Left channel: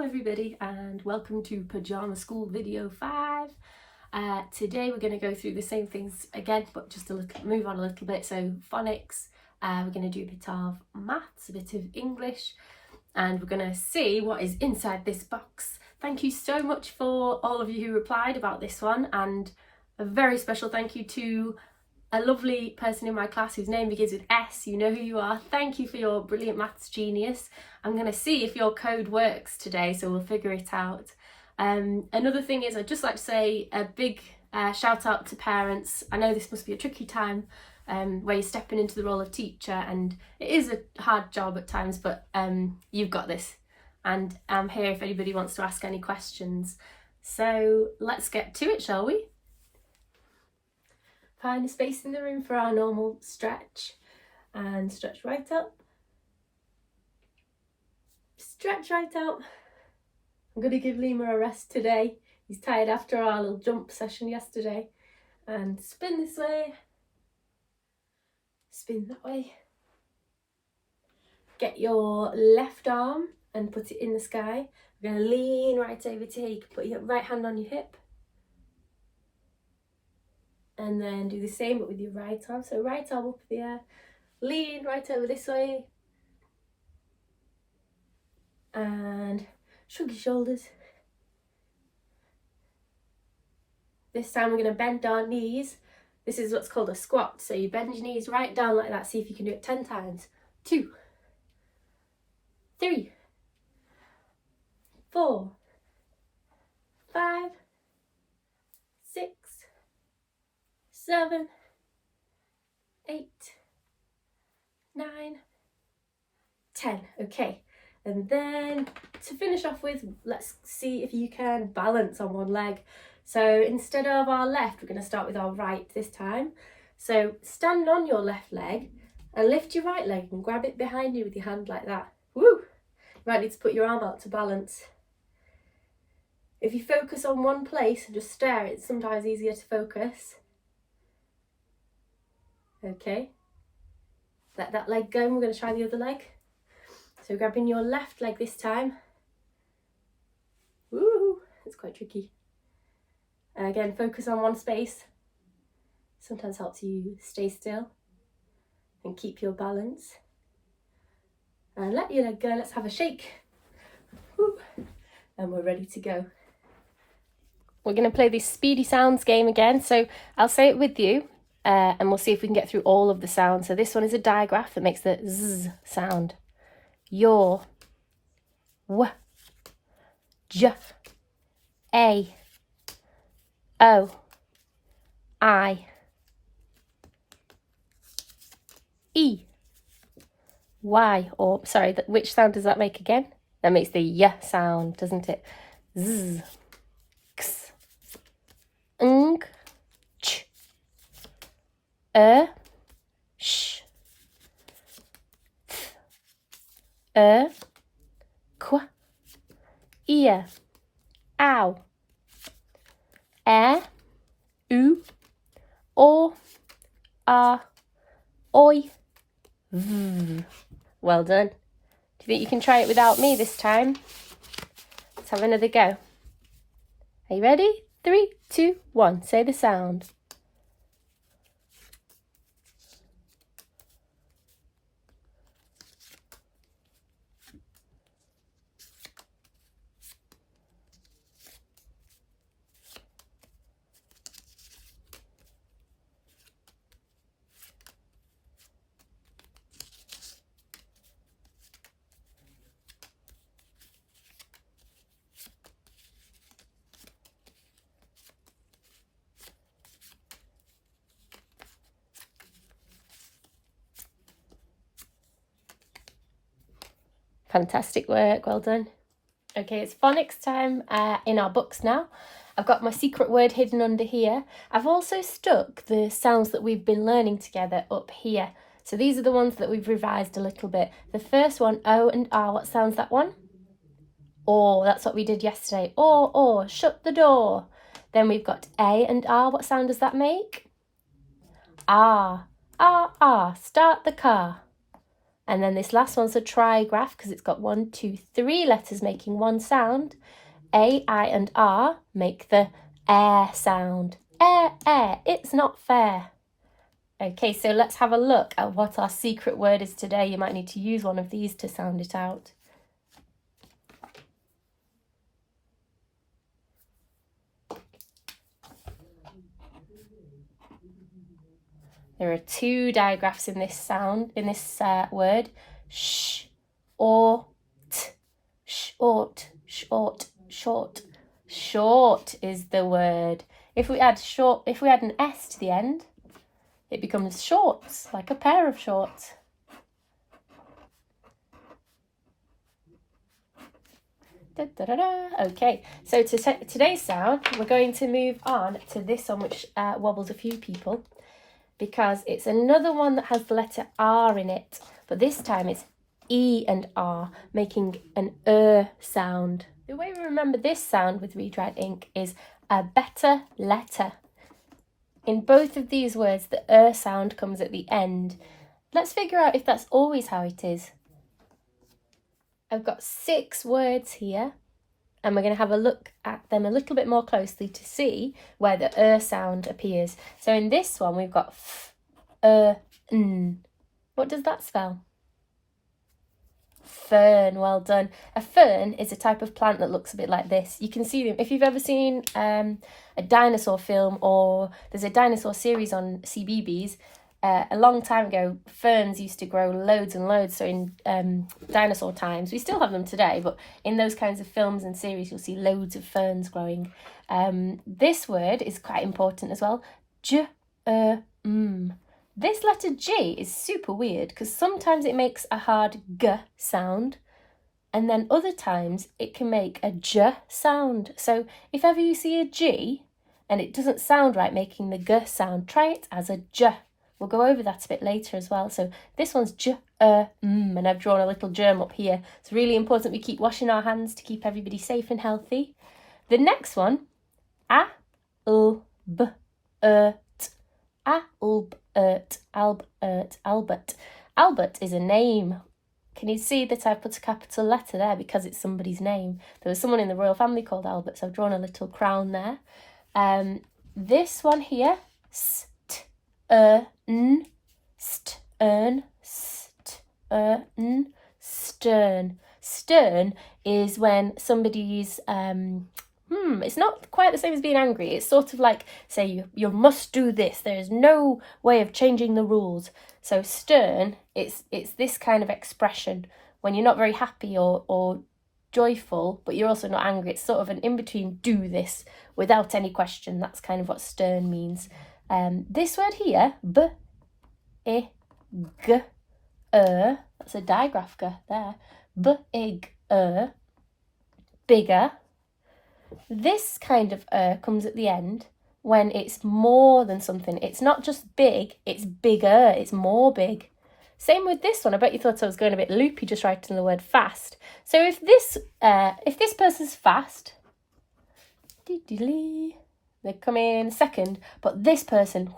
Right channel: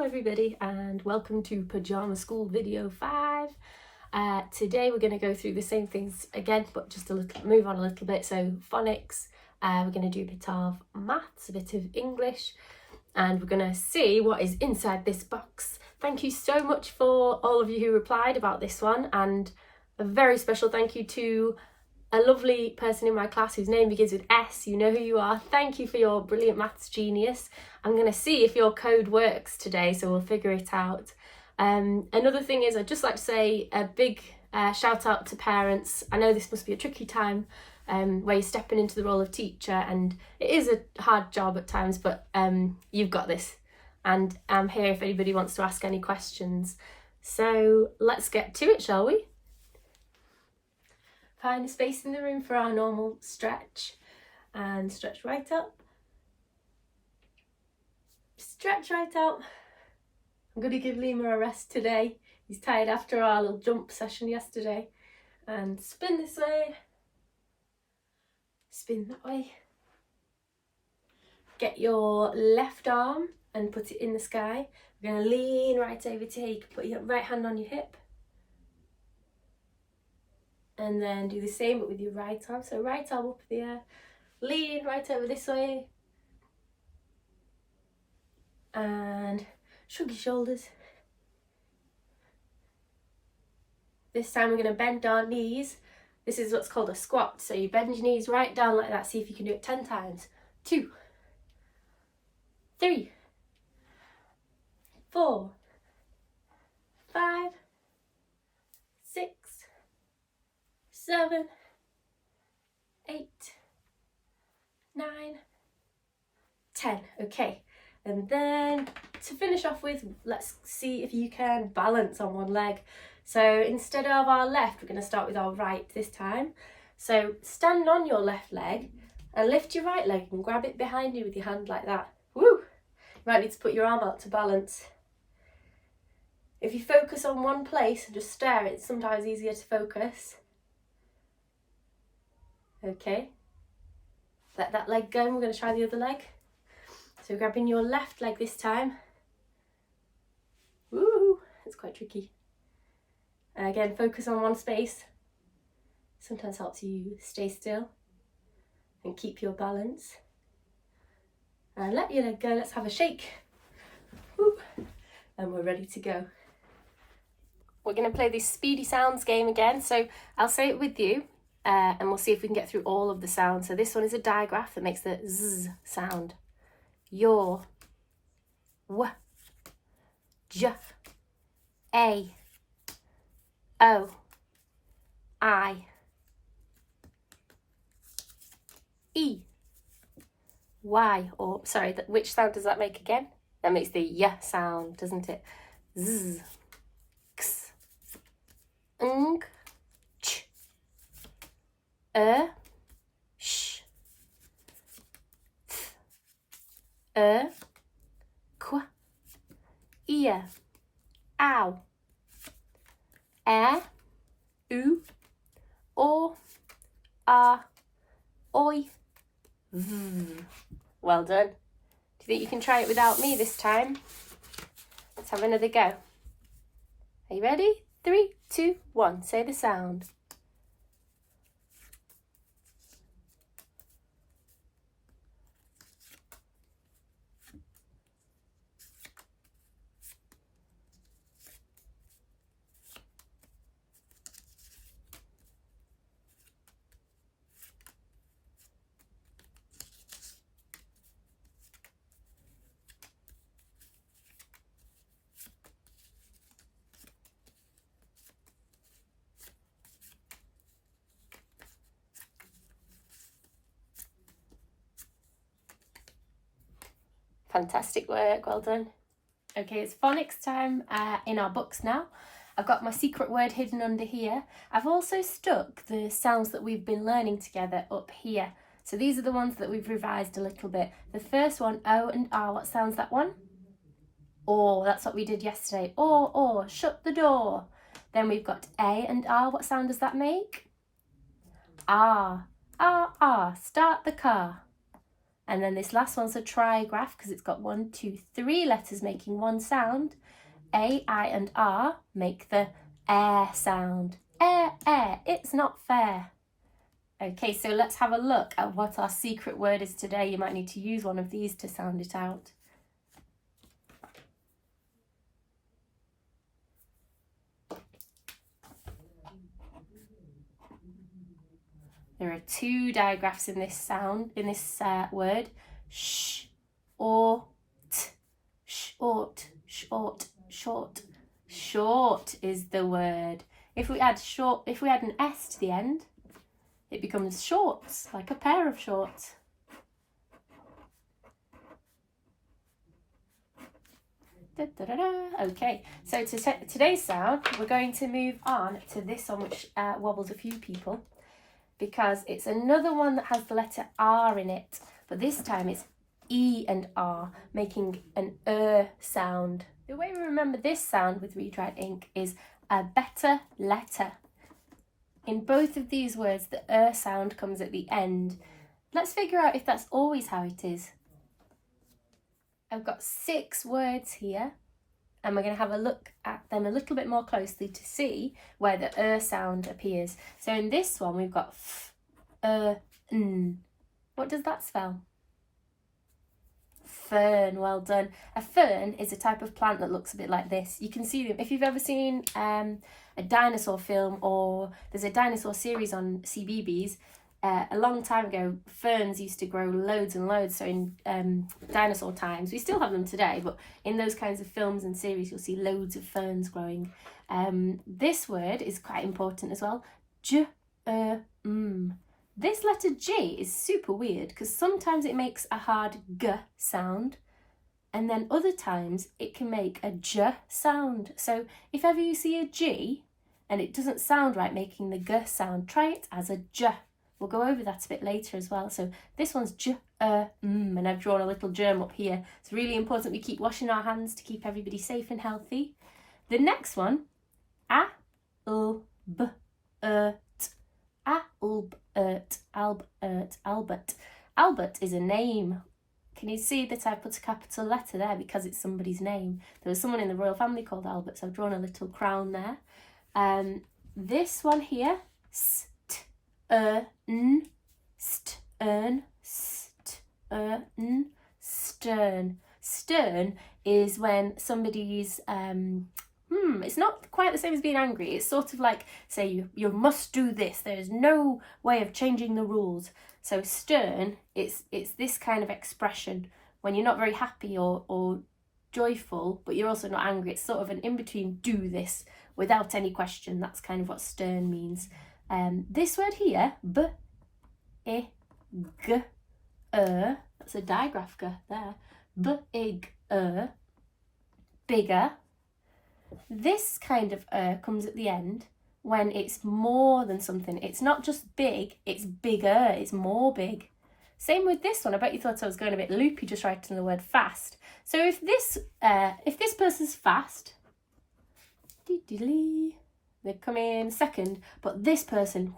Hello everybody and welcome to Pyjama School video 5. Today we're going to go through the same things again, but just move on a little bit. So phonics, we're going to do a bit of maths, a bit of English, and we're going to see what is inside this box. Thank you so much for all of you who replied about this one, and a very special thank you to a lovely person in my class whose name begins with S. You know who you are. Thank you for your brilliant maths genius. I'm going to see if your code works today, so we'll figure it out. Another thing is, I'd just like to say a big shout out to parents. I know this must be a tricky time where you're stepping into the role of teacher, and it is a hard job at times, but you've got this. And I'm here if anybody wants to ask any questions. So let's get to it, shall we? Find a space in the room for our normal stretch, and stretch right up, stretch right out. I'm going to give Lemur a rest today. He's tired after our little jump session yesterday. And spin this way, spin that way. Get your left arm and put it in the sky. We're going to lean right over to here. You can put your right hand on your hip. And then do the same but with your right arm. So right arm up in the air, lean right over this way. And shrug your shoulders. This time we're going to bend our knees. This is what's called a squat. So you bend your knees right down like that. See if you can do it 10 times. 2, 3, 4, 5, 6, 7, 8, 9, 10. Okay, and then to finish off with, let's see if you can balance on one leg. So instead of our left, we're going to start with our right this time. So stand on your left leg and lift your right leg and grab it behind you with your hand like that. Woo! You might need to put your arm out to balance. If you focus on one place and just stare, it's sometimes easier to focus. Okay, let that leg go and we're going to try the other leg. So grabbing your left leg this time. Woo, it's quite tricky. Again, focus on one space. Sometimes helps you stay still and keep your balance. And let your leg go, let's have a shake. Woo. And we're ready to go. We're going to play this Speedy Sounds game again, so I'll say it with you. And we'll see if we can get through all of the sounds. So this one is a digraph that makes the Z sound. Your, W, J, A, O, I, E, Y. Or sorry, which sound does that make again? That makes the Y sound, doesn't it? Z, X, Ng, Ch, sh, th, qu, ear, ow, u, o, oi, v. Well done. Do you think you can try it without me this time? Let's have another go. Are you ready? 3, 2, 1. Say the sound. Fantastic work, well done. Okay, it's phonics time in our books now. I've got my secret word hidden under here. I've also stuck the sounds that we've been learning together up here. So these are the ones that we've revised a little bit. The first one, O and R, what sounds that one? Or, that's what we did yesterday. Or, shut the door. Then we've got A and R, what sound does that make? R, start the car. And then this last one's a trigraph because it's got 1, 2, 3 letters making one sound. A, I, and R make the air sound. Air, air, it's not fair. Okay, so let's have a look at what our secret word is today. You might need to use one of these to sound it out. There are 2 digraphs in this sound, in this word. Sh, or, t. Short, short, short. Short is the word. If we add an S to the end, it becomes shorts, like a pair of shorts. Da, da, da, da. Okay, so today's sound, we're going to move on to this one, which wobbles a few people, because it's another one that has the letter R in it, but this time it's E and R, making an sound. The way we remember this sound with redried ink is a better letter. In both of these words, the sound comes at the end. Let's figure out if that's always how it is. I've got 6 words here, and we're going to have a look at them a little bit more closely to see where the sound appears. So in this one, we've got f, n. What does that spell? Fern, well done. A fern is a type of plant that looks a bit like this. You can see them if you've ever seen a dinosaur film, or there's a dinosaur series on CBeebies. A long time ago, ferns used to grow loads and loads. So in dinosaur times, we still have them today, but in those kinds of films and series, you'll see loads of ferns growing. This word is quite important as well. This letter G is super weird because sometimes it makes a hard G sound, and then other times it can make a J sound. So if ever you see a G and it doesn't sound right making the G sound, try it as a J. We'll go over that a bit later as well. So this one's J, and I've drawn a little germ up here. It's really important we keep washing our hands to keep everybody safe and healthy. The next one, A, L, B, Albert. Albert is a name. Can you see that I put a capital letter there because it's somebody's name? There was someone in the royal family called Albert, so I've drawn a little crown there. This one here, stern, stern. Stern is when somebody's it's not quite the same as being angry. It's sort of like, say, you must do this. There is no way of changing the rules. So stern, it's this kind of expression when you're not very happy or joyful, but you're also not angry. It's sort of an in-between, do this without any question. That's kind of what stern means. This word here, b-i-g-er, that's a digraph G there. B-i-g-er, bigger. This kind of comes at the end when it's more than something. It's not just big, it's bigger, it's more big. Same with this one. I bet you thought I was going a bit loopy just writing the word fast. So if this person's fast, they come in second, but this person,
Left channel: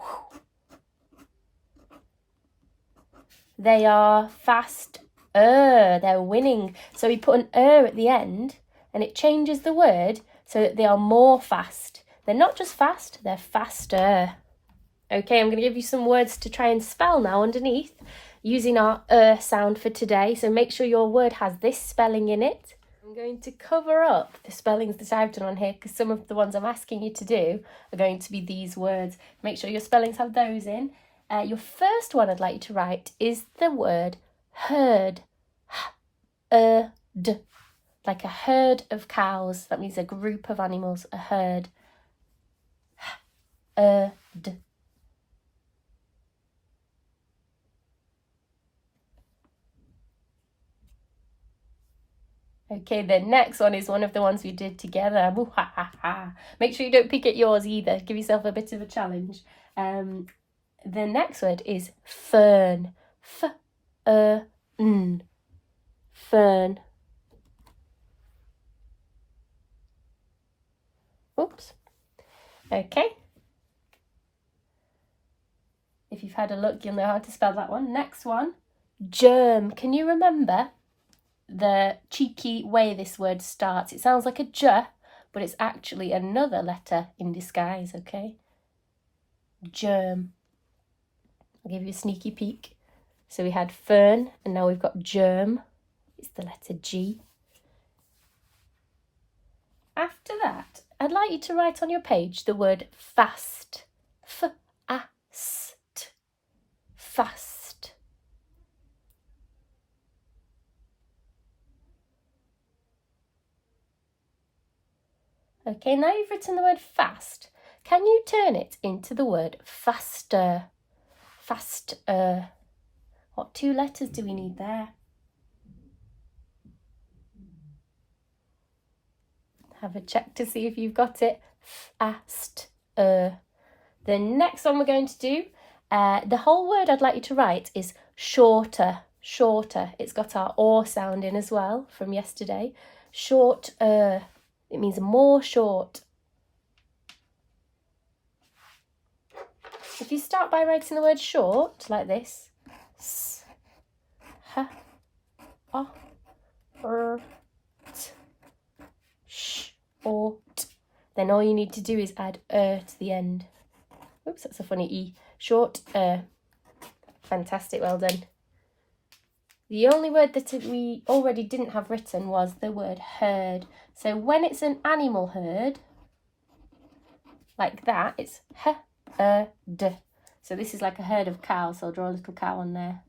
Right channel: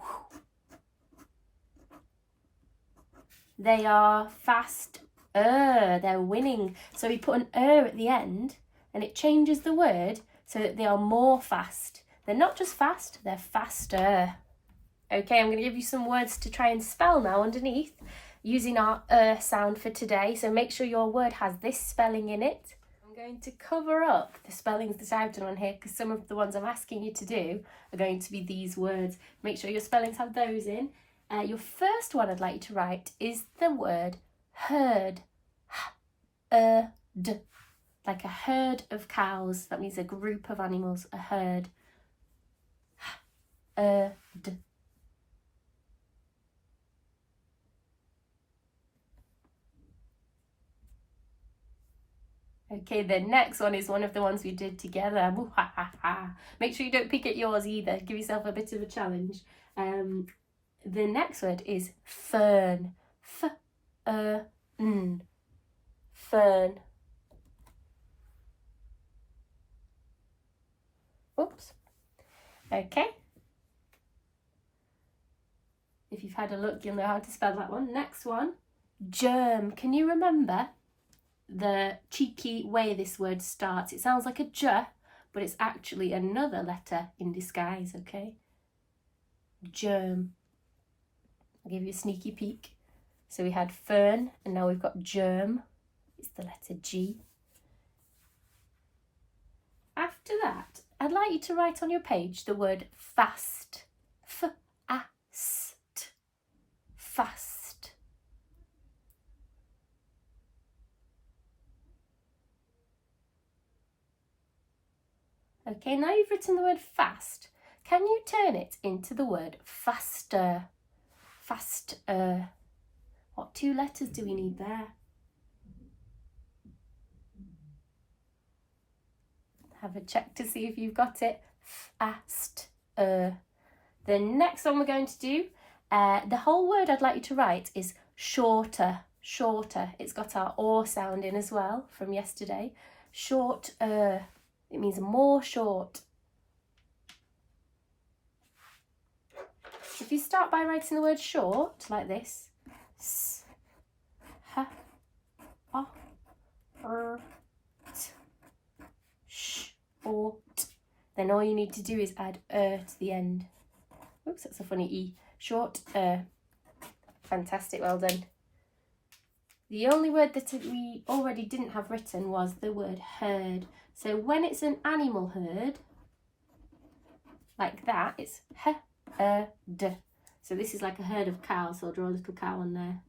they are fast, they're winning. So we put an at the end and it changes the word so that they are more fast. They're not just fast, they're faster. Okay, I'm going to give you some words to try and spell now underneath using our sound for today. So make sure your word has this spelling in it. I'm going to cover up the spellings that I've done on here because some of the ones I'm asking you to do are going to be these words. Make sure your spellings have those in. Your first one I'd like you to write is the word herd. D. Like a herd of cows. That means a group of animals, a herd. D. Okay, the next one is one of the ones we did together. Make sure you don't pick at yours either. Give yourself a bit of a challenge. The next word is fern. Fern. Oops. Okay. If you've had a look, you'll know how to spell that one. Next one, Germ. Can you remember the cheeky way this word starts? It sounds like a j, but it's actually another letter in disguise, okay? Germ. I'll give you a sneaky peek. So we had fern, and now we've got germ. It's the letter G. After that, I'd like you to write on your page the word fast. F-A-S-T. Fast. Okay, now you've written the word fast, can you turn it into the word faster? Faster. What 2 letters do we need there? Have a check to see if you've got it. Fast. The next one we're going to do, the whole word I'd like you to write is shorter. Shorter. It's got our or sound in as well from yesterday. Shorter. It means more short. If you start by writing the word short like this, s, h, o, r, t, sh, or t, then all you need to do is add to the end. Oops, that's a funny E. Short. Fantastic, well done. The only word that we already didn't have written was the word herd. So when it's an animal herd, like that, it's h-e-d. So this is like a herd of cows, so I'll draw a little cow on there.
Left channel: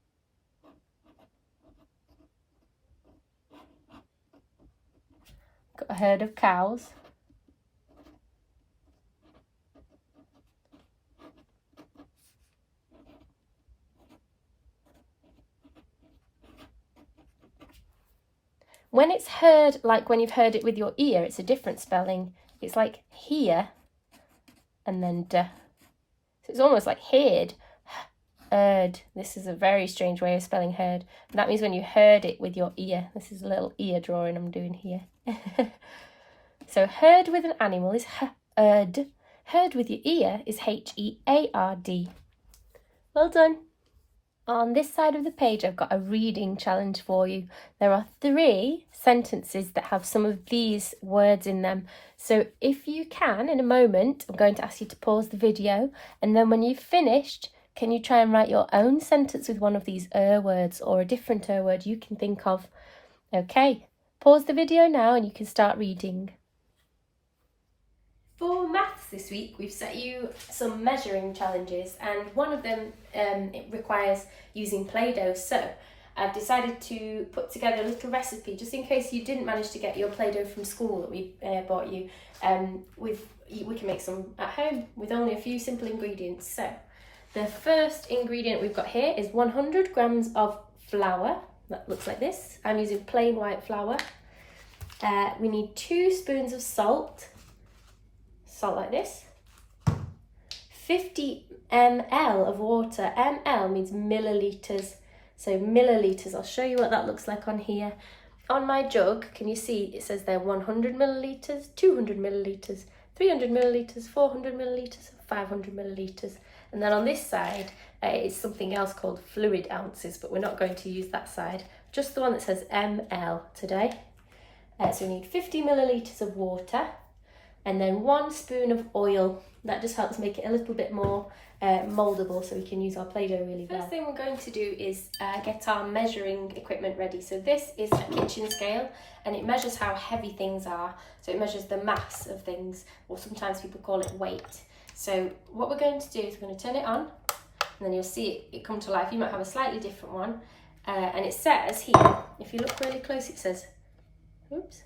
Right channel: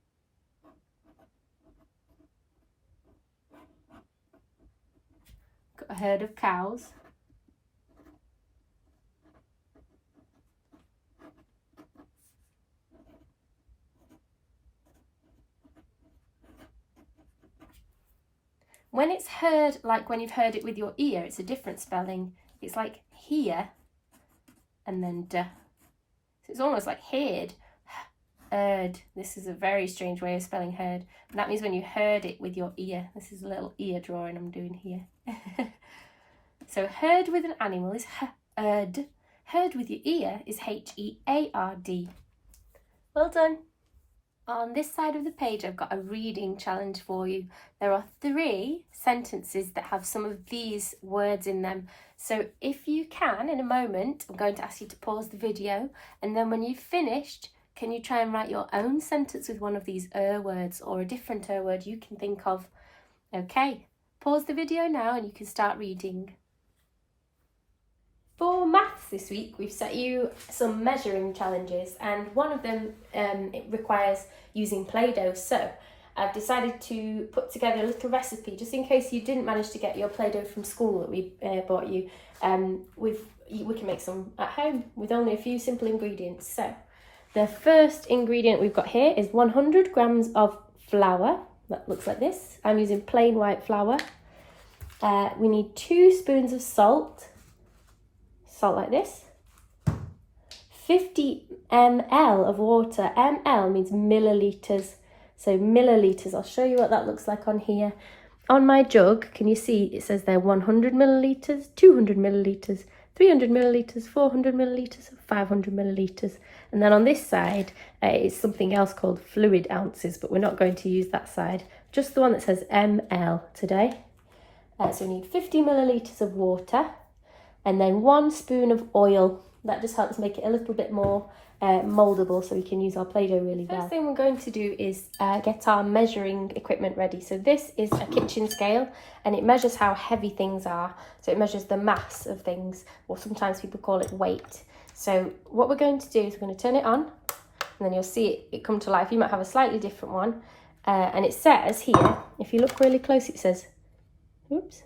Got a herd of cows. When it's heard, like when you've heard it with your ear, it's a different spelling. It's like here and then d. So it's almost like heard. Heard. This is a very strange way of spelling heard. But that means when you heard it with your ear. This is a little ear drawing I'm doing here. So heard with an animal is heard. Heard with your ear is H-E-A-R-D. Well done. On this side of the page, I've got a reading challenge for you. There are 3 sentences that have some of these words in them. So if you can, in a moment, I'm going to ask you to pause the video. And then when you've finished, can you try and write your own sentence with one of these words or a different word you can think of? Okay, pause the video now and you can start reading. For maths this week, we've set you some measuring challenges, and one of them it requires using Play-Doh. So I've decided to put together a little recipe just in case you didn't manage to get your Play-Doh from school that we bought you. We can make some at home with only a few simple ingredients. So the first ingredient we've got here is 100 grams of flour. That looks like this. I'm using plain white flour. We need 2 spoons of salt. Salt like this. 50 ml of water. ml means millilitres. So millilitres, I'll show you what that looks like on here. On my jug, can you see it says there 100 millilitres, 200 millilitres, 300 millilitres, 400 millilitres, 500 millilitres. And then on this side is something else called fluid ounces, but we're not going to use that side. Just the one that says ml today. So we need 50 millilitres of water. And then 1 spoon of oil. That just helps make it a little bit more mouldable so we can use our Play-Doh really well. First thing we're going to do is get our measuring equipment ready. So this is a kitchen scale and it measures how heavy things are. So it measures the mass of things, or sometimes people call it weight. So what we're going to do is we're going to turn it on and then you'll see it come to life. You might have a slightly different one. And it says here, if you look really close, it says, oops.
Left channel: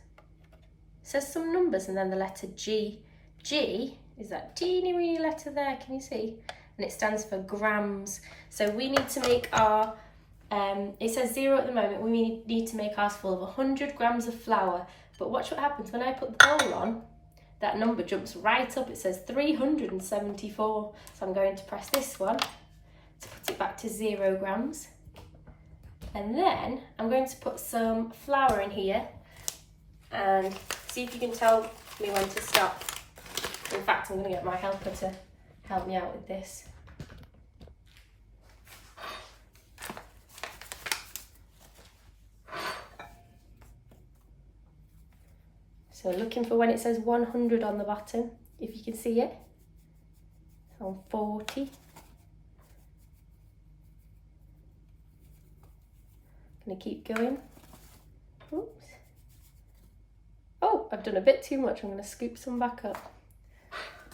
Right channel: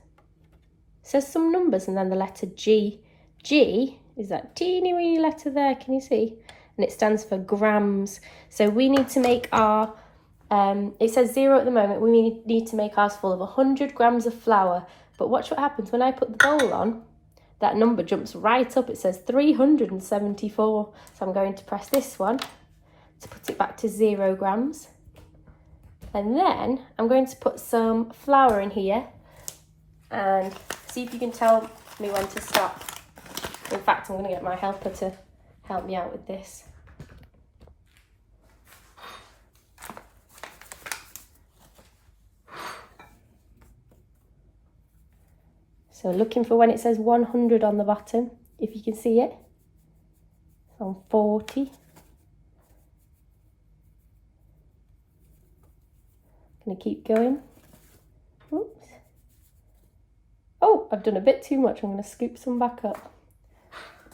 Says some numbers and then the letter G. G is that teeny weeny letter there, can you see? And it stands for grams. So we need to make our, it says 0 at the moment, we need to make ours full of 100 grams of flour. But watch what happens when I put the bowl on, that number jumps right up, it says 374. So I'm going to press this one to put it back to 0 grams. And then I'm going to put some flour in here and see if you can tell me when to stop. In fact, I'm going to get my helper to help me out with this. So looking for when it says 100 on the bottom, if you can see it. It's on 40. Gonna keep going. Oops. Oh, I've done a bit too much. I'm gonna scoop some back up.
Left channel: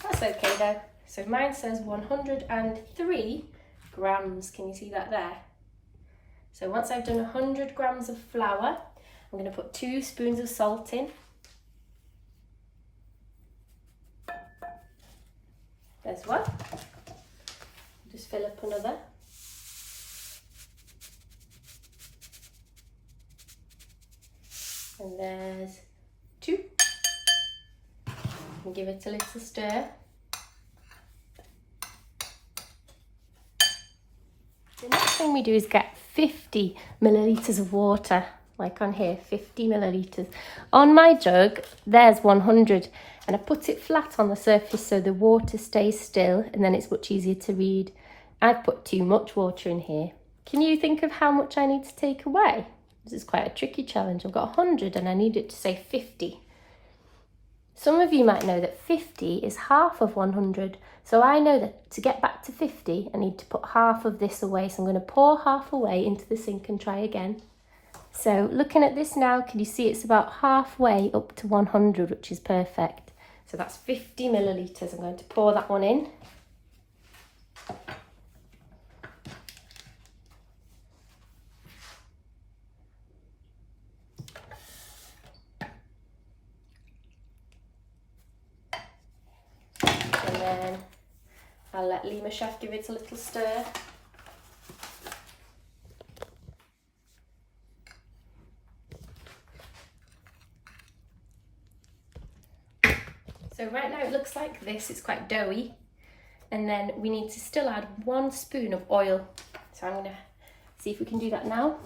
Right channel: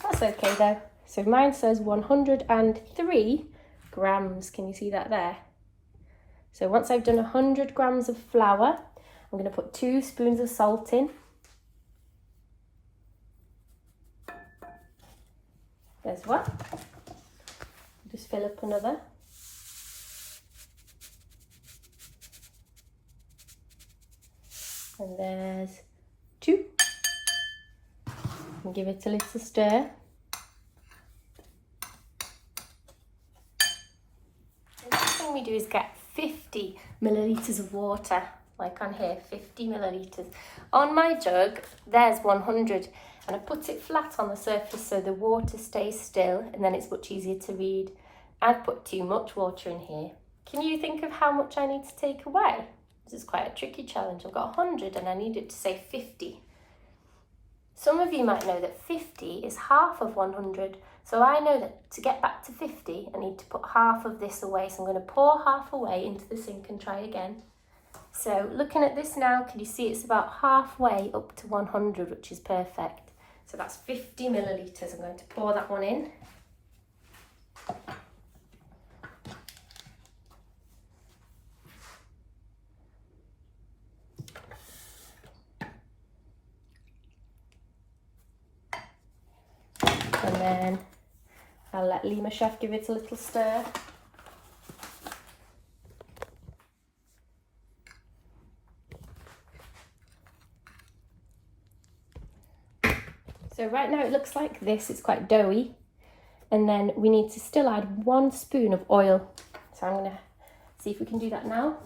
That's okay though. So mine says 103 grams. Can you see that there? So once I've done 100 grams of flour, I'm gonna put 2 spoons of salt in. There's one. Just fill up another. And there's 2. And give it a little stir. The next thing we do is get 50 millilitres of water, like on here, 50 millilitres. On my jug, there's 100, and I put it flat on the surface so the water stays still, and then it's much easier to read. I've put too much water in here. Can you think of how much I need to take away? This is quite a tricky challenge. I've got 100 and I need it to say 50. Some of you might know that 50 is half of 100. So I know that to get back to 50, I need to put half of this away. So I'm going to pour half away into the sink and try again. So looking at this now, can you see it's about halfway up to 100, which is perfect. So that's 50 millilitres. I'm going to pour that one in. I'll let Lemur Chef give it a little stir. So right now it looks like this, it's quite doughy. And then we need to still add 1 spoon of oil. So I'm gonna see if we can do that now.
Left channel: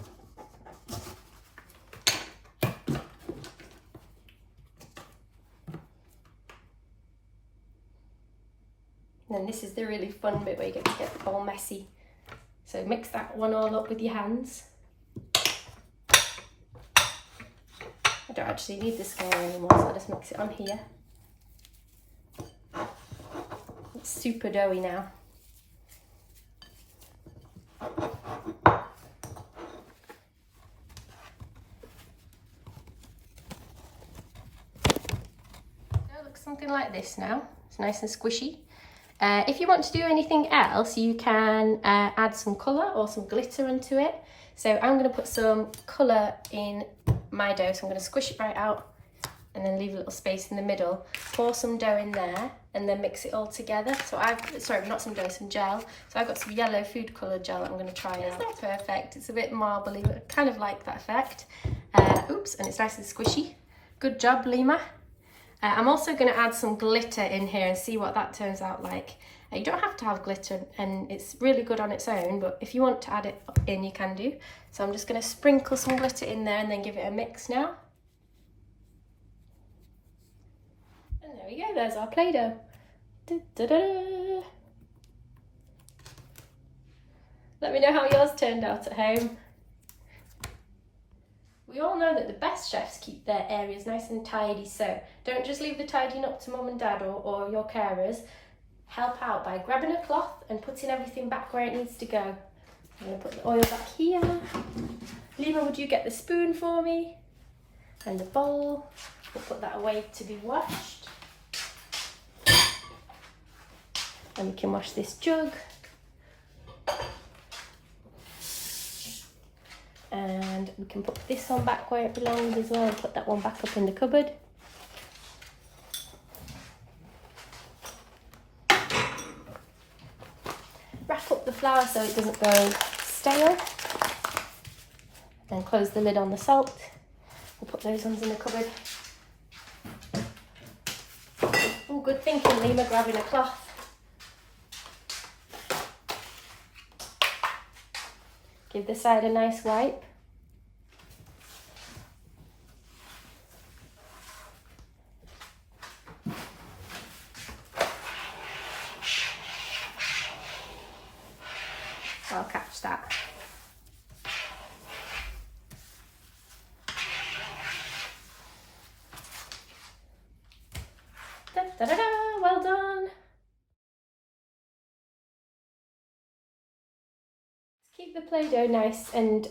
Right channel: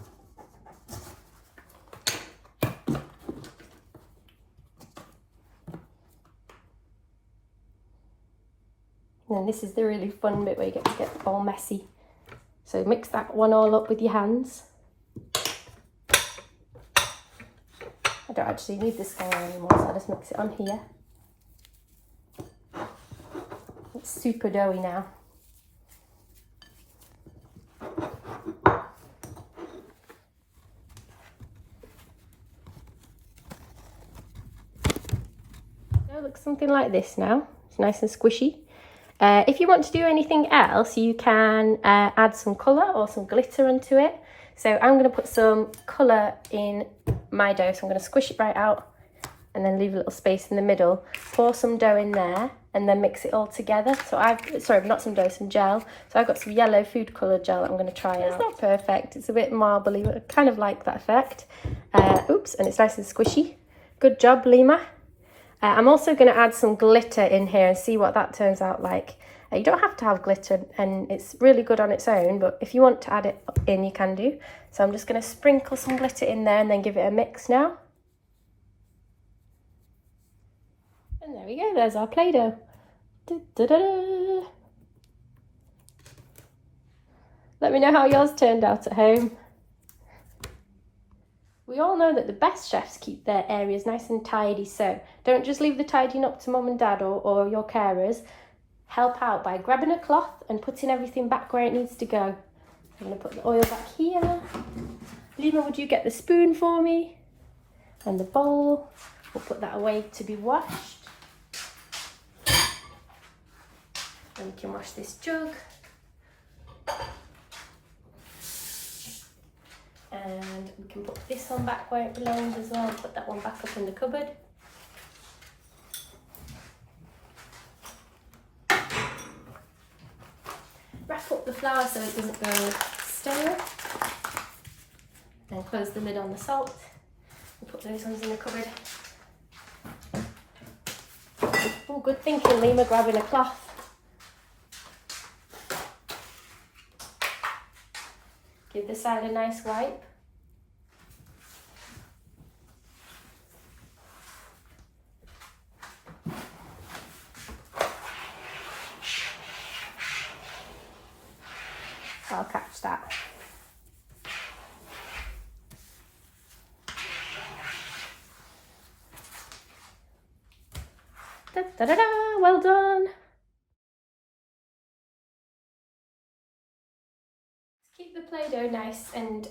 And then this is the really fun bit where you get to get all messy. So mix that one all up with your hands. I don't actually need the scale anymore, so I'll just mix it on here. It's super doughy now. So it looks something like this now. It's nice and squishy. If you want to do anything else, you can add some colour or some glitter onto it. So I'm going to put some colour in my dough. So I'm going to squish it right out and then leave a little space in the middle. Pour some dough in there and then mix it all together. So not some dough, some gel. So I've got some yellow food colour gel that I'm going to try out. It's not perfect. It's a bit marbly, but I kind of like that effect. Oops, and it's nice and squishy. Good job, Lemur. I'm also going to add some glitter in here and see what that turns out like. You don't have to have glitter and it's really good on its own, but if you want to add it in, you can do. So I'm just going to sprinkle some glitter in there and then give it a mix now. And there we go, there's our Play-Doh. Let me know how yours turned out at home. We all know that the best chefs keep their areas nice and tidy, so don't just leave the tidying up to mum and dad or your carers. Help out by grabbing a cloth and putting everything back where it needs to go. I'm going to put the oil back here. Lemur, would you get the spoon for me? And the bowl. We'll put that away to be washed. And we can wash this jug. And we can put this one back where it belongs as well and put that one back up in the cupboard. Wrap up the flour so it doesn't go stale. Then close the lid on the salt. We'll put those ones in the cupboard. Oh, good thinking, Lemur, grabbing a cloth. Give this side a nice wipe. I'll catch that. Da, da, da, da. Well done. Keep the Play-Doh nice and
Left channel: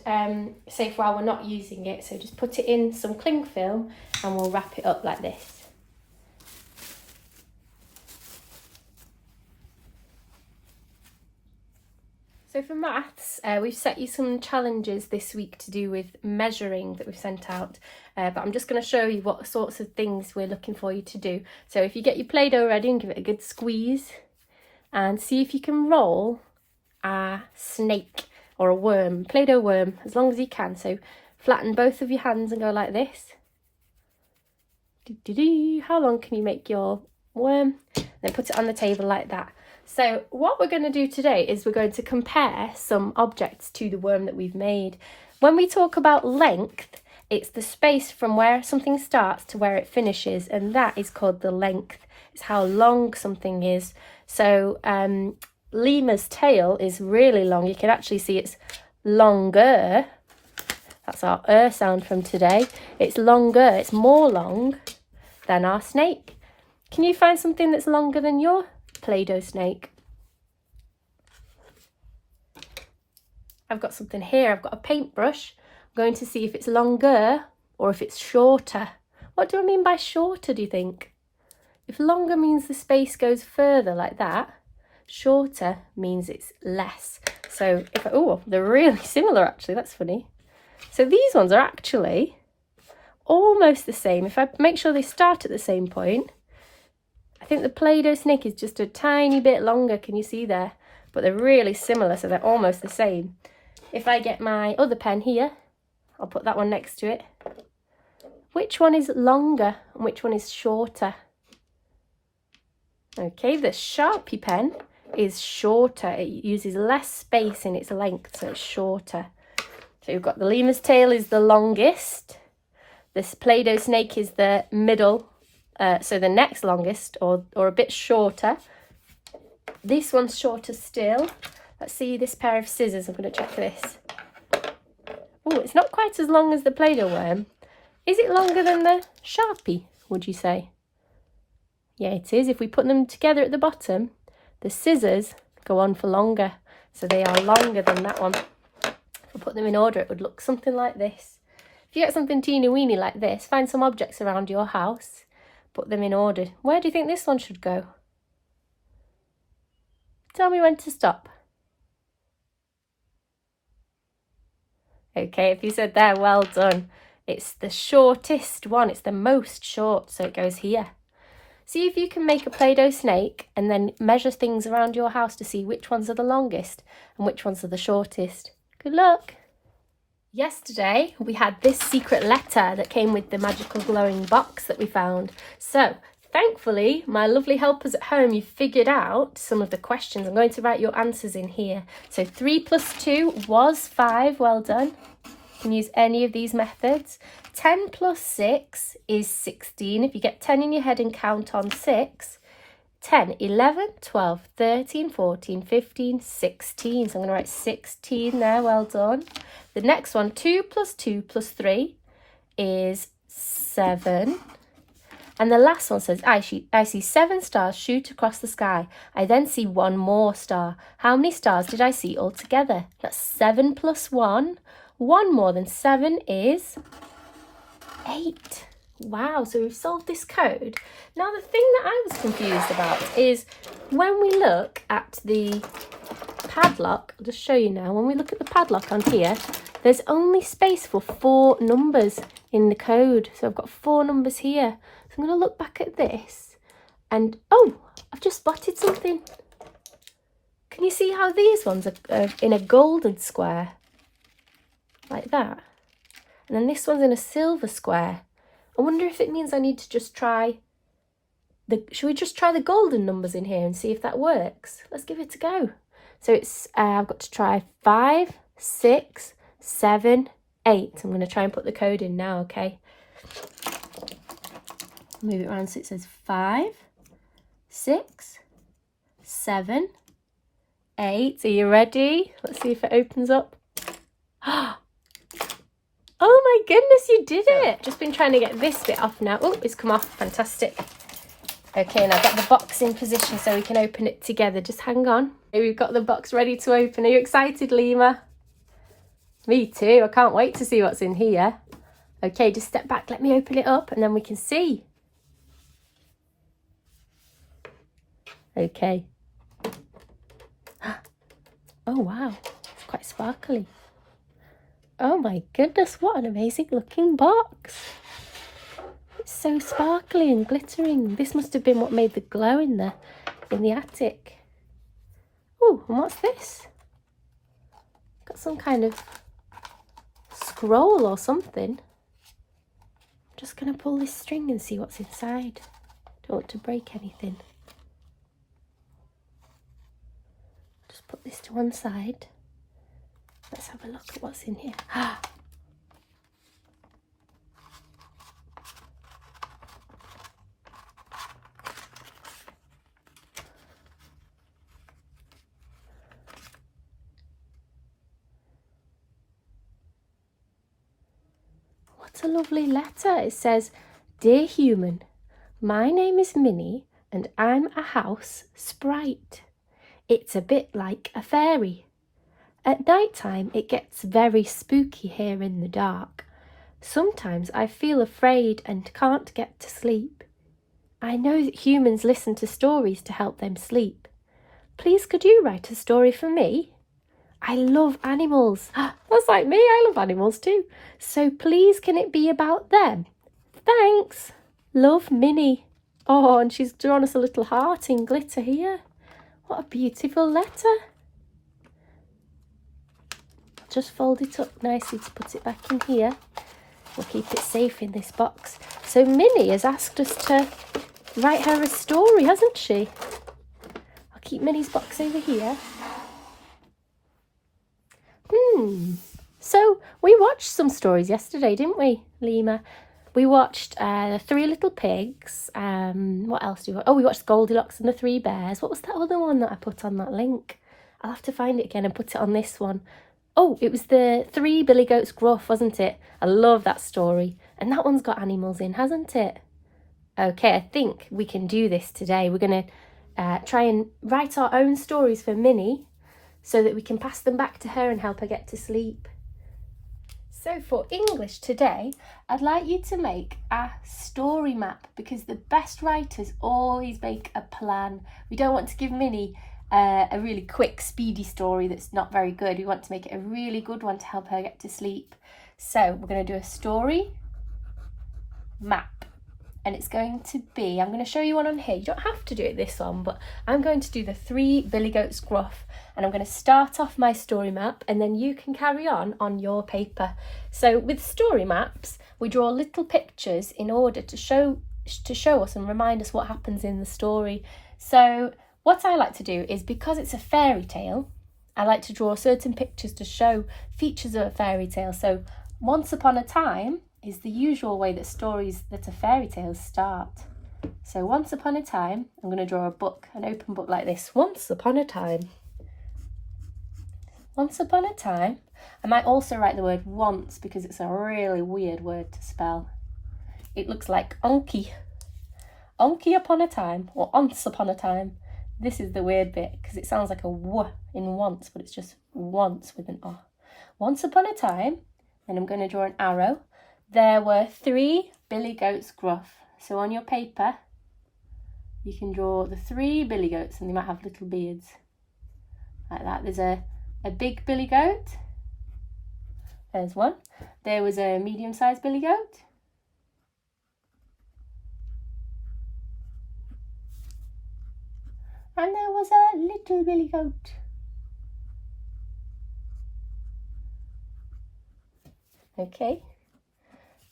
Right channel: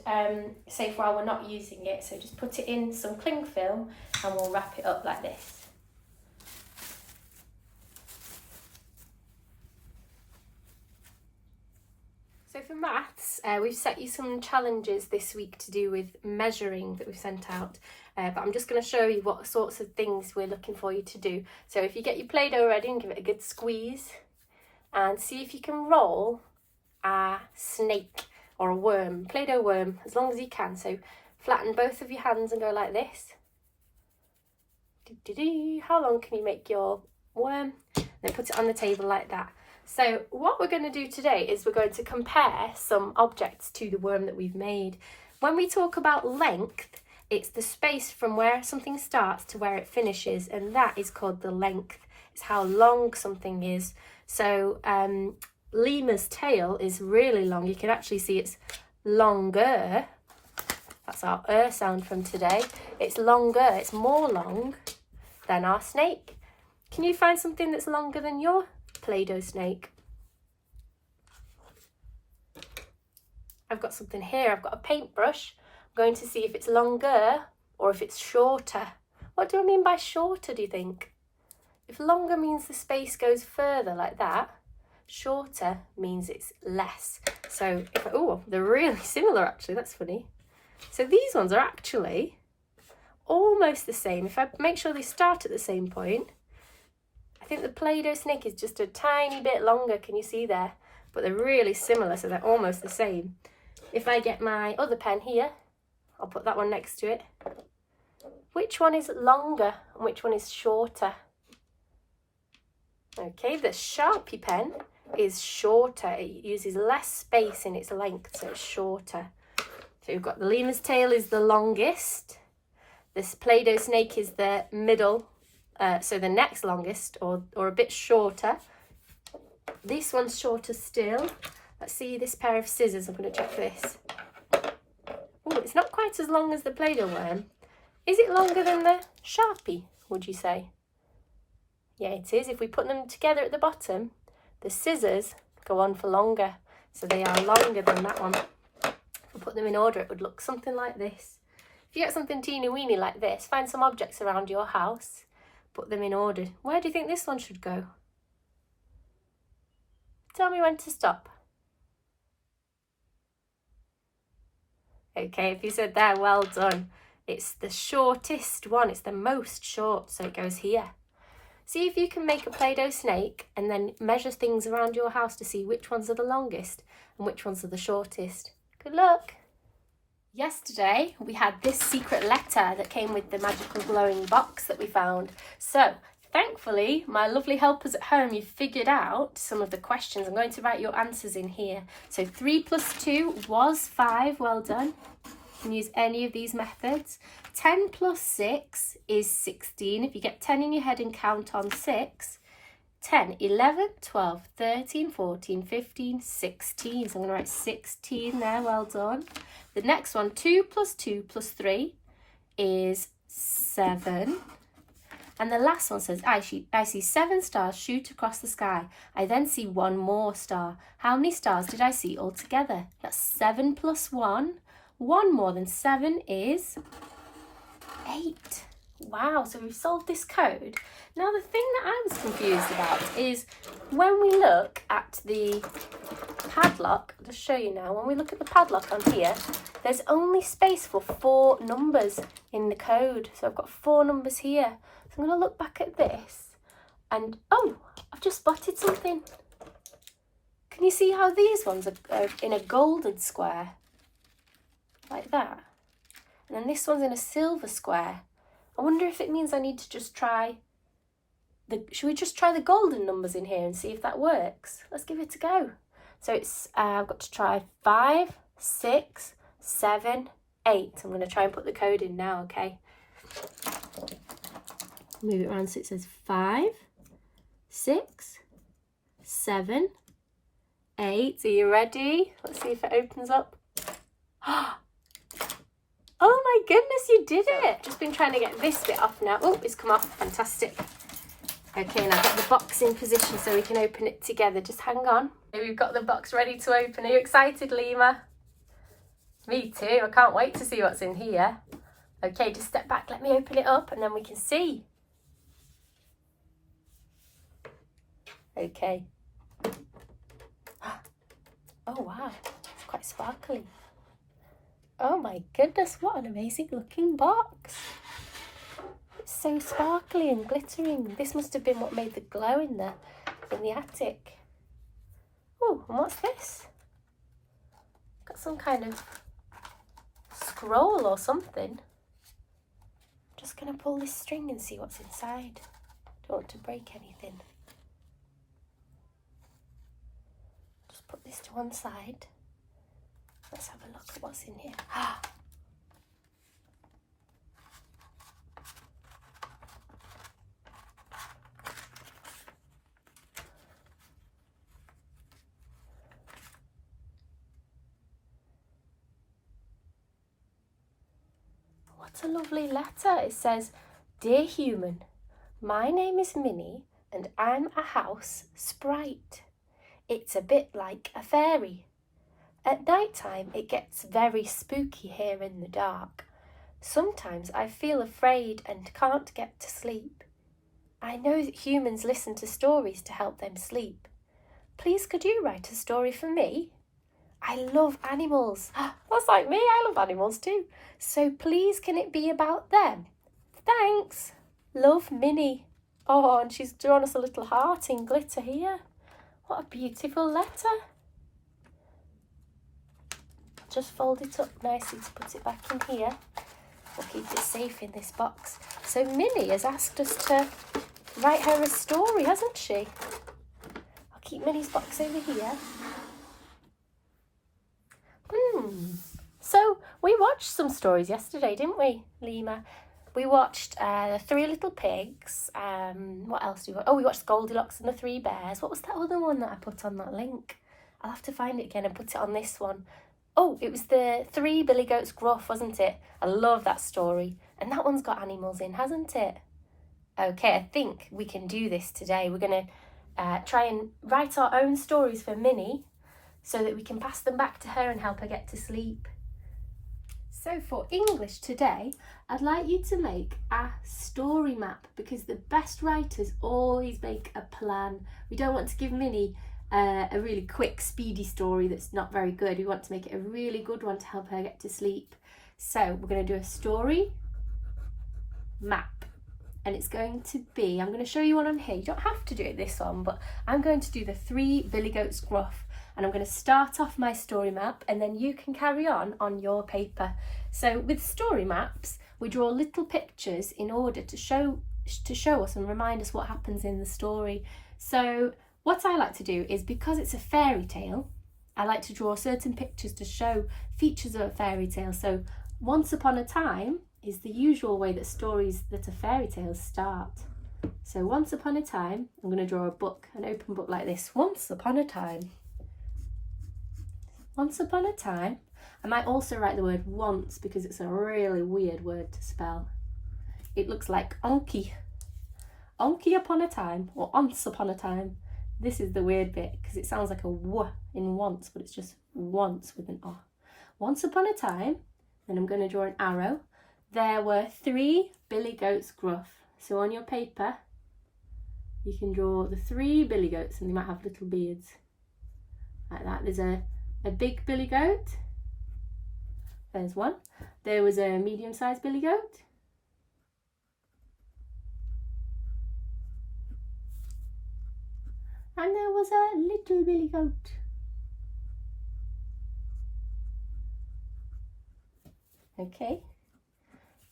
safe while we're not using it. So just put it in some cling film and we'll wrap it up like this. So for maths, we've set you some challenges this week to do with measuring that we've sent out, but I'm just going to show you what sorts of things we're looking for you to do. So if you get your Play-Doh ready and give it a good squeeze and see if you can roll a snake or a worm, Play-Doh worm, as long as you can. So flatten both of your hands and go like this. How long can you make your worm? Then put it on the table like that. So what we're going to do today is we're going to compare some objects to the worm that we've made. When we talk about length, it's the space from where something starts to where it finishes, and that is called the length. It's how long something is. So lemur's tail is really long. You can actually see it's longer. That's our sound from today. It's longer, it's more long than our snake. Can you find something that's longer than your Play-Doh snake? I've got something here. I've got a paintbrush. I'm going to see if it's longer or if it's shorter. What do I mean by shorter, do you think? If longer means the space goes further like that, shorter means it's less. So if oh, they're really similar actually. That's funny. So these ones are actually almost the same. If I make sure they start at the same point, I think the Play-Doh snake is just a tiny bit longer. Can you see there? But they're really similar, so they're almost the same. If I get my other pen here, I'll put that one next to it. Which one is longer and which one is shorter? Okay, the Sharpie pen is shorter. It uses less space in its length, so it's shorter. So we've got the lemur's tail is the longest. This Play-Doh snake is the middle. So the next longest or a bit shorter. This one's shorter still. Let's see this pair of scissors. I'm going to check this. Oh, it's not quite as long as the Play-Doh worm. Is it longer than the Sharpie, would you say? Yeah, it is. If we put them together at the bottom, the scissors go on for longer. So they are longer than that one. If we put them in order, it would look something like this. If you get something teeny weeny like this, find some objects around your house. Put them in order. Where do you think this one should go? Tell me when to stop. Okay, if you said there, well done. It's the shortest one. It's the most short, so it goes here. See if you can make a Play-Doh snake and then measure things around your house to see which ones are the longest and which ones are the shortest. Good luck. Yesterday we had this secret letter that came with the magical glowing box that we found. So thankfully my lovely helpers at home, you've figured out some of the questions. I'm going to write your answers in here. So 3 + 2 was 5. Well done. You can use any of these methods. 10 + 6 is 16. If you get 10 in your head and count on 6. 10, 11, 12, 13, 14, 15, 16. So I'm going to write 16 there. Well done. The next one, 2 + 2 + 3 is 7. And the last one says, I see 7 stars shoot across the sky. I then see 1 more star. How many stars did I see altogether? That's 7 + 1. 1 more than 7 is 8. Wow, so we've solved this code. Now the thing that I was confused about is when we look at the padlock, I'll just show you now, when we look at the padlock on here, there's only space for 4 numbers in the code. So I've got 4 numbers here. So I'm going to look back at this and, oh, I've just spotted something. Can you see how these ones are in a golden square? Like that. And then this one's in a silver square. I wonder if it means I need to just try should we just try the golden numbers in here and see if that works? Let's give it a go. So it's, I've got to try 5, 6, 7, 8. I'm going to try and put the code in now, okay? Move it around so it says 5, 6, 7, 8. Are you ready? Let's see if it opens up. Oh my goodness, you did it! Just been trying to get this bit off now. Oh, it's come off. Fantastic. Okay, and I've got the box in position so we can open it together. Just hang on. Here we've got the box ready to open. Are you excited, Lemur? Me too. I can't wait to see what's in here. Okay, just step back. Let me open it up and then we can see. Okay. Oh, wow. It's quite sparkly. Oh my goodness, what an amazing looking box. It's so sparkly and glittering. This must have been what made the glow in the attic. Oh, and what's this? Got some kind of scroll or something. Just gonna pull this string and see what's inside. Don't want to break anything. Just put this to one side. Let's have a look at what's in here. What a lovely letter. It says, "Dear human, my name is Minnie and I'm a house sprite. It's a bit like a fairy. At night time it gets very spooky here in the dark. Sometimes I feel afraid and can't get to sleep. I know that humans listen to stories to help them sleep. Please could you write a story for me? I love animals." That's like me, I love animals too. "So please can it be about them? Thanks. Love, Minnie." Oh, and she's drawn us a little heart in glitter here. What a beautiful letter. Just fold it up nicely to put it back in here. We'll keep it safe in this box. So Minnie has asked us to write her a story, hasn't she? I'll keep Minnie's box over here. So we watched some stories yesterday, didn't we, Lemur? We watched Three Little Pigs. What else did we watch? Oh, we watched Goldilocks and the Three Bears. What was that other one that I put on that link? I'll have to find it again and put it on this one. Oh, it was the Three Billy Goats Gruff, wasn't it? I love that story. And that one's got animals in, hasn't it? Okay, I think we can do this today. We're going to try and write our own stories for Minnie so that we can pass them back to her and help her get to sleep. So for English today, I'd like you to make a story map because the best writers always make a plan. We don't want to give Minnie a really quick, speedy story that's not very good. We want to make it a really good one to help her get to sleep. So we're going to do a story map. And it's going to be, I'm going to show you one on here. You don't have to do it this one, but I'm going to do the Three Billy Goats Gruff. And I'm going to start off my story map and then you can carry on your paper. So with story maps, we draw little pictures in order to show us and remind us what happens in the story. So what I like to do is, because it's a fairy tale, I like to draw certain pictures to show features of a fairy tale. So once upon a time is the usual way that stories that are fairy tales start. So once upon a time, I'm going to draw a book, an open book like this. Once upon a time. Once upon a time. I might also write the word once because it's a really weird word to spell. It looks like onky. Onky upon a time, or once upon a time. This is the weird bit because it sounds like a w in once, but it's just once with an o. Once upon a time, and I'm going to draw an arrow. There were 3 Billy Goats Gruff. So on your paper, you can draw the 3 Billy Goats and they might have little beards. Like that. There's a big Billy Goat. There's one. There was a medium-sized Billy Goat. And there was a little Billy Goat. Okay.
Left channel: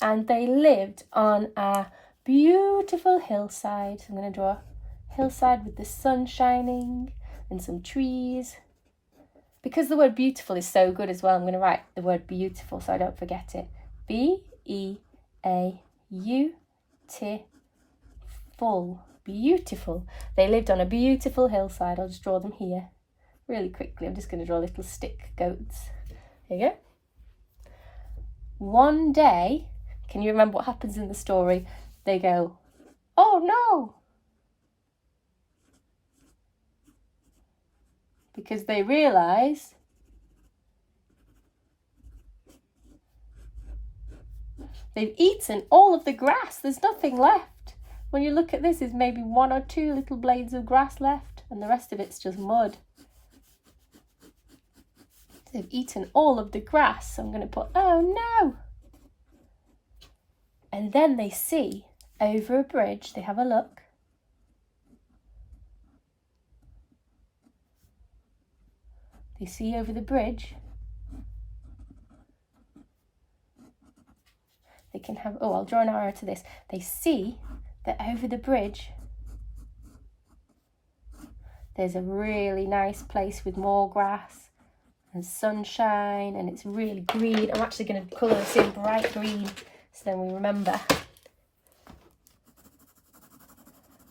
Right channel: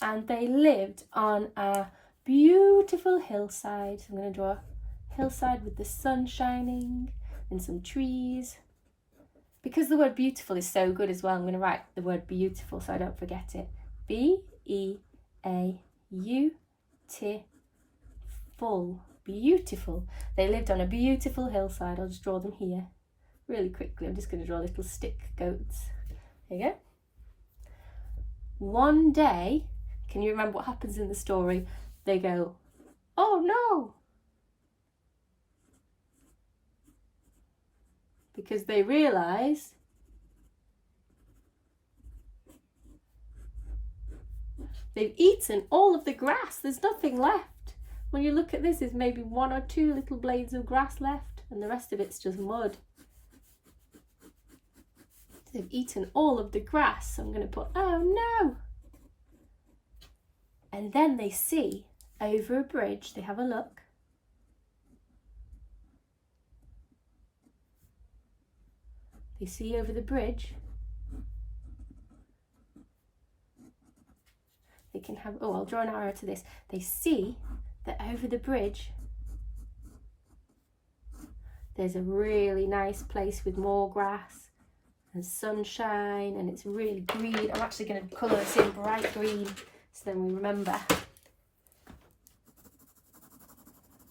And they lived on a beautiful hillside. I'm going to draw a hillside with the sun shining and some trees. Because the word beautiful is so good as well, I'm going to write the word beautiful so I don't forget it. B-E-A-U-T-full. Beautiful. They lived on a beautiful hillside. I'll just draw them here really quickly. I'm just going to draw little stick goats. There you go. One day, can you remember what happens in the story? They go, "Oh no, because they realise they've eaten all of the grass. There's nothing left. When you look at this, there's maybe 1 or 2 little blades of grass left, and the rest of it's just mud. They've eaten all of the grass. So I'm going to put, oh no. And then they see over a bridge, they have a look. They see over the bridge. They can have, oh, I'll draw an arrow to this. They see that over the bridge, there's a really nice place with more grass and sunshine, and it's really green. I'm actually going to colour this in bright green so then we remember.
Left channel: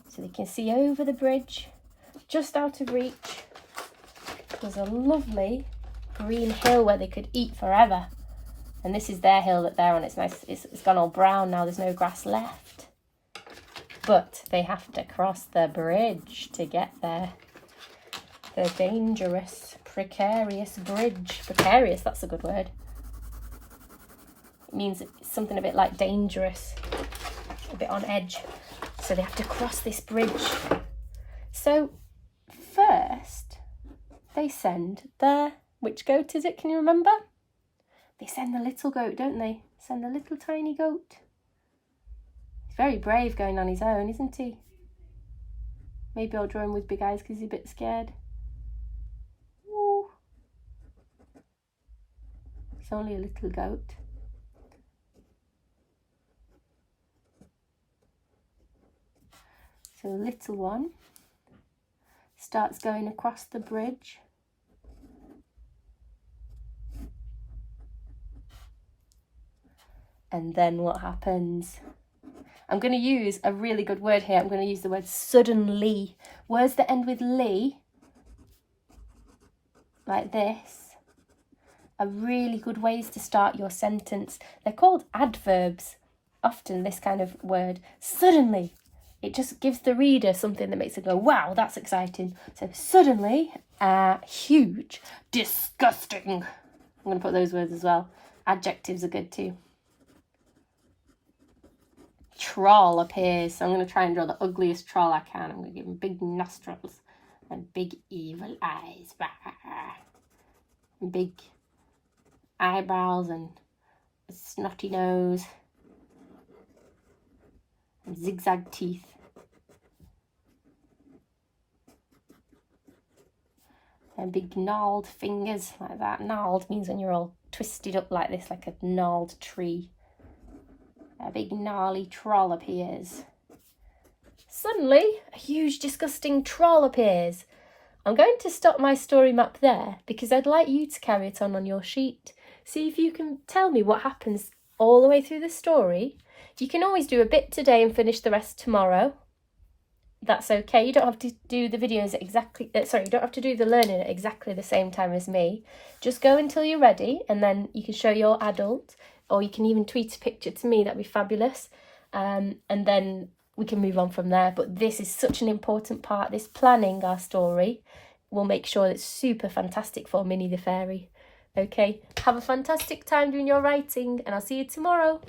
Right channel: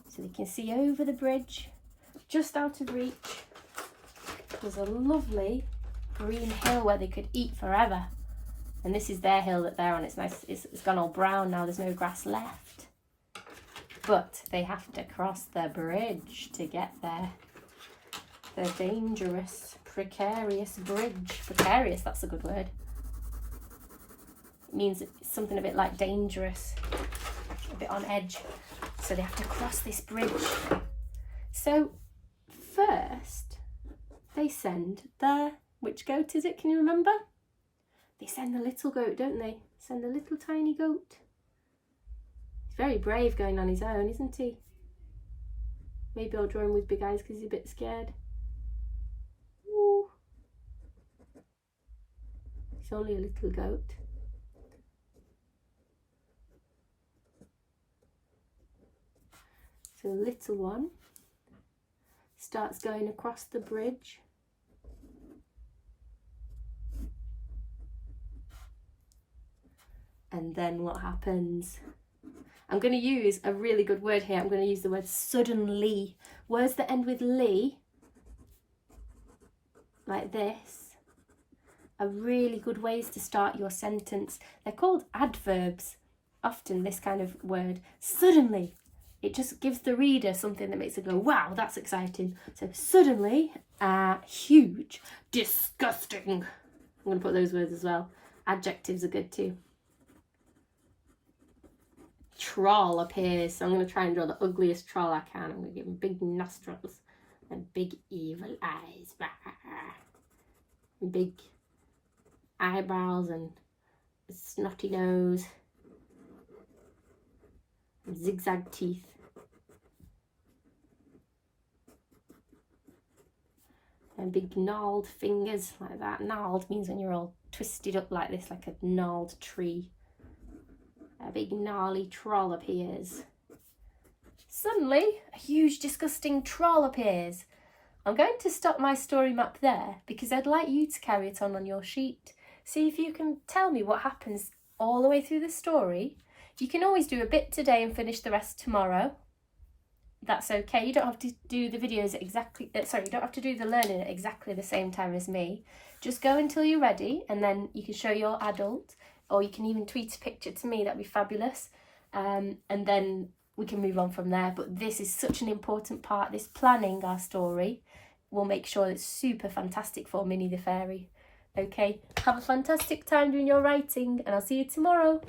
So they can see over the bridge, just out of reach. There's a lovely green hill where they could eat forever. And this is their hill that they're on. It's nice. It's gone all brown now. There's no grass left. But they have to cross the bridge to get there. The dangerous, precarious bridge. Precarious, that's a good word. It means it's something a bit like dangerous. A bit on edge. So they have to cross this bridge. So first, they send the... Which goat is it? Can you remember? They send the little goat, don't they? Send the little tiny goat. He's very brave going on his own, isn't he? Maybe I'll draw him with big eyes because he's a bit scared. Ooh. He's only a little goat. So the little one starts going across the bridge. And then what happens? I'm going to use a really good word here. I'm going to use the word suddenly. Words that end with "ly," like this, are really good ways to start your sentence. They're called adverbs, often this kind of word. Suddenly. It just gives the reader something that makes it go, wow, that's exciting. So suddenly, huge, disgusting. I'm going to put those words as well. Adjectives are good too. Troll appears. So I'm going to try and draw the ugliest troll I can. I'm going to give him big nostrils and big evil eyes. And big eyebrows and a snotty nose. And zigzag teeth. And big gnarled fingers like that. Gnarled means when you're all twisted up like this, like a gnarled tree. A big gnarly troll appears. Suddenly, a huge disgusting troll appears. I'm going to stop my story map there because I'd like you to carry it on your sheet. See if you can tell me what happens all the way through the story. You can always do a bit today and finish the rest tomorrow. That's okay. You don't have to do the videos exactly, you don't have to do the learning at exactly the same time as me. Just go until you're ready and then you can show your adult, or you can even tweet a picture to me. That'd be fabulous. And then we can move on from there. But this is such an important part. This planning our story will make sure it's super fantastic for Minnie the Fairy. Okay, have a fantastic time doing your writing and I'll see you tomorrow.